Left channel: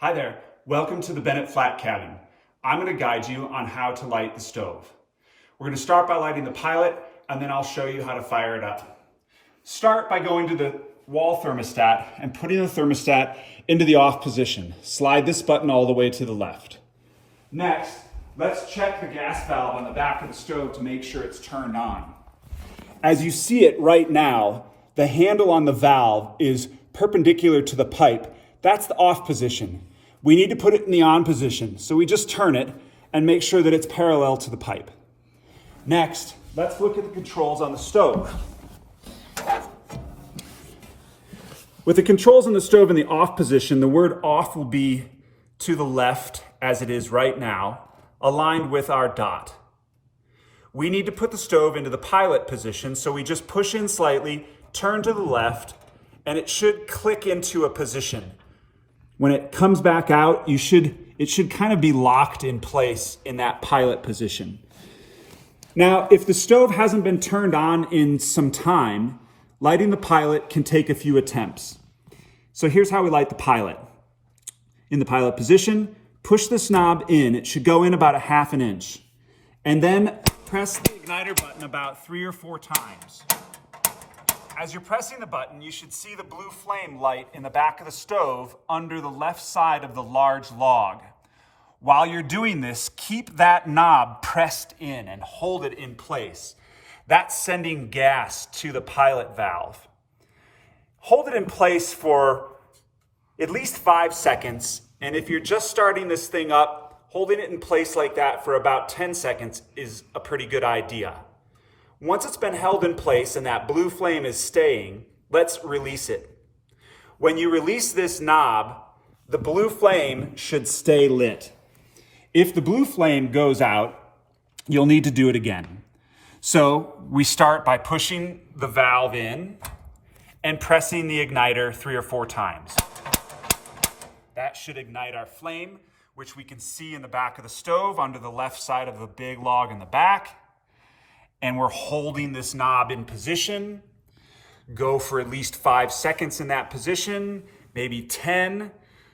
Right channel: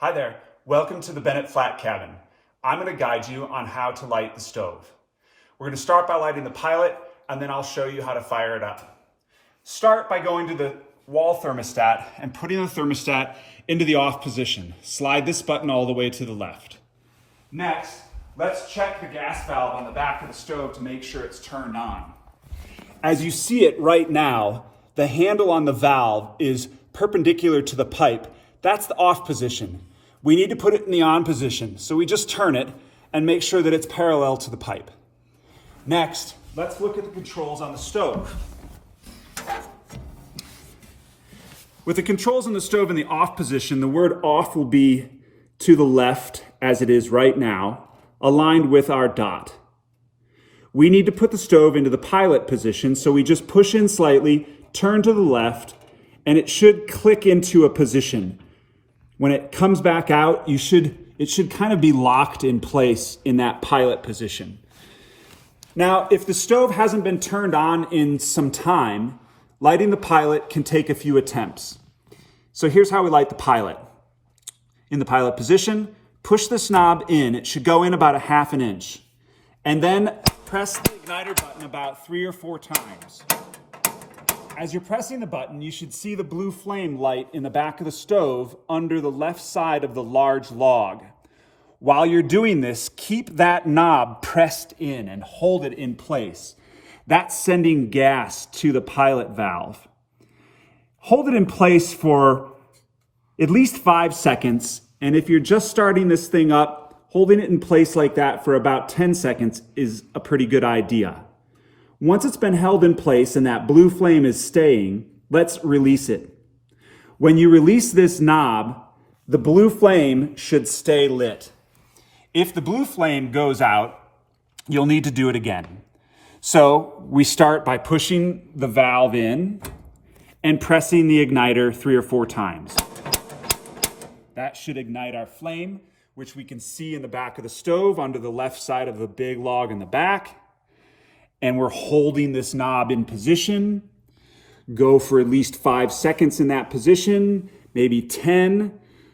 Hi there, welcome to the Bennett Flat Cabin. I'm going to guide you on how to light the stove. We're going to start by lighting the pilot and then I'll show you how to fire it up. Start by going to the wall thermostat and putting the thermostat into the off position. Slide this button all the way to the left. Next, let's check the gas valve on the back of the stove to make sure it's turned on. As you see it right now, the handle on the valve is perpendicular to the pipe. That's the off position. We need to put it in the on position, so we just turn it and make sure that it's parallel to the pipe. Next, let's look at the controls on the stove. With the controls on the stove in the off position, the word off will be to the left as it is right now, aligned with our dot. We need to put the stove into the pilot position, so we just push in slightly, turn to the left, and it should click into a position. When it comes back out, it should kind of be locked in place in that pilot position. Now, if the stove hasn't been turned on in some time, lighting the pilot can take a few attempts. So here's how we light the pilot. In the pilot position, push this knob in. It should go in about a half an inch. And then press the igniter button about 3 or 4 times. As you're pressing the button, you should see the blue flame light in the back of the stove under the left side of the large log. While you're doing this, keep that knob pressed in and hold it in place. That's sending gas to the pilot valve. Hold it in place for at least 5 seconds, and if you're just starting this thing up, holding it in place like that for about 10 seconds is a pretty good idea. Once it's been held in place and that blue flame is staying, let's release it. When you release this knob, the blue flame should stay lit. If the blue flame goes out, you'll need to do it again. So we start by pushing the valve in and pressing the igniter 3 or 4 times. That should ignite our flame, which we can see in the back of the stove under the left side of the big log in the back. And we're holding this knob in position. Go for at least 5 seconds in that position, maybe 10.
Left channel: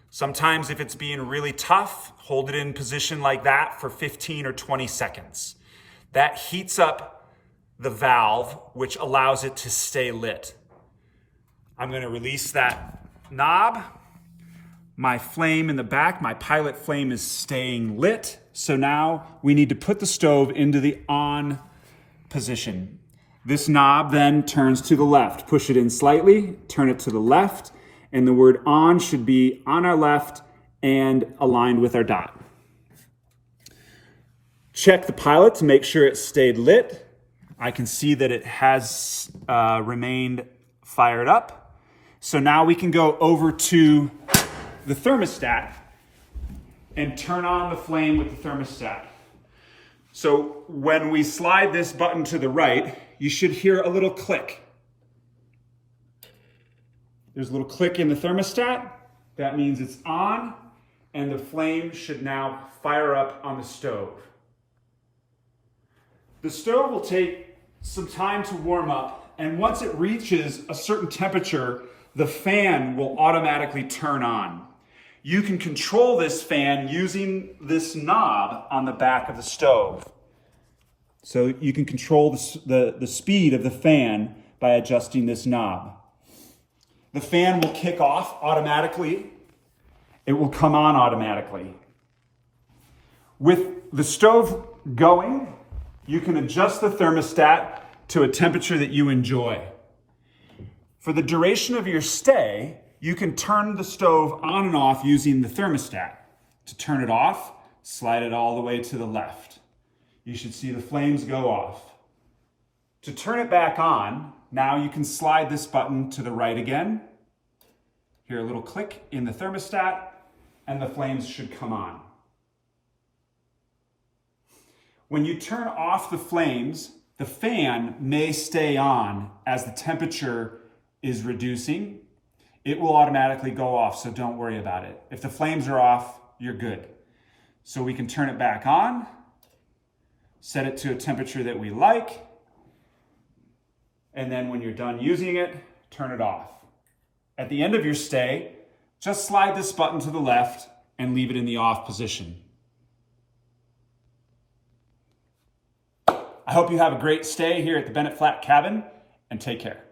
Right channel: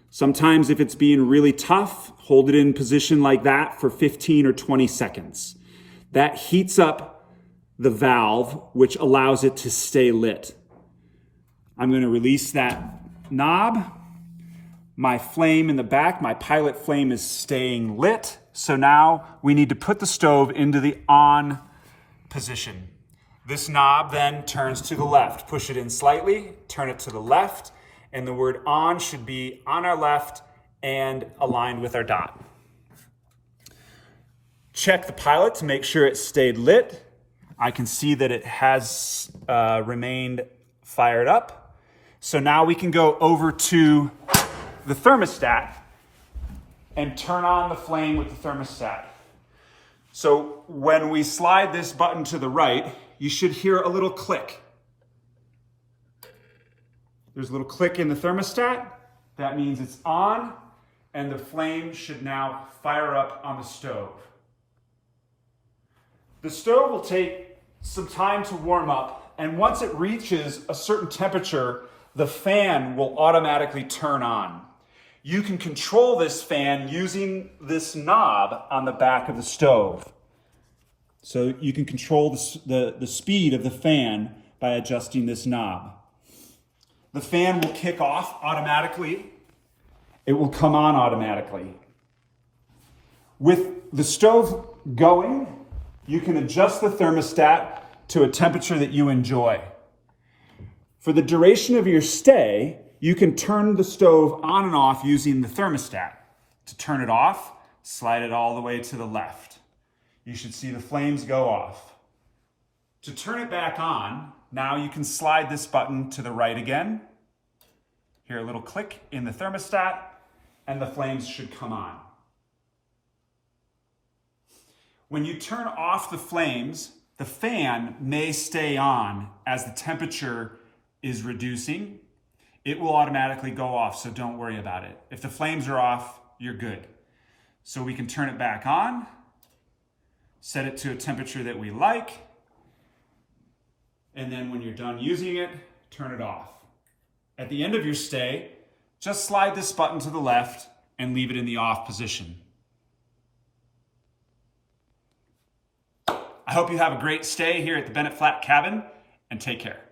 Sometimes if it's being really tough, hold it in position like that for 15 or 20 seconds. That heats up the valve, which allows it to stay lit. I'm going to release that knob. My flame in the back, my pilot flame is staying lit. So now we need to put the stove into the on position. This knob then turns to the left. Push it in slightly, turn it to the left, and the word on should be on our left and aligned with our dot. Check the pilot to make sure it stayed lit. I can see that it has remained fired up. So now we can go over to the thermostat and turn on the flame with the thermostat. So when we slide this button to the right, you should hear a little click. There's a little click in the thermostat. That means it's on, and the flame should now fire up on the stove. The stove will take some time to warm up, and once it reaches a certain temperature, the fan will automatically turn on. You can control this fan using this knob on the back of the stove. So you can control the speed of the fan by adjusting this knob. The fan will kick off automatically. It will come on automatically. With the stove going, you can adjust the thermostat to a temperature that you enjoy. For the duration of your stay, you can turn the stove on and off using the thermostat. To turn it off, slide it all the way to the left. You should see the flames go off. To turn it back on, now you can slide this button to the right again. Hear a little click in the thermostat, and the flames should come on. When you turn off the flames, the fan may stay on as the temperature is reducing. It will automatically go off, so don't worry about it. If the flames are off, you're good. So we can turn it back on, set it to a temperature that we like, and then when you're done using it, turn it off. At the end of your stay, just slide this button to the left and leave it in the off position. I hope you have a great stay here at the Bennett Flat Cabin, and take care.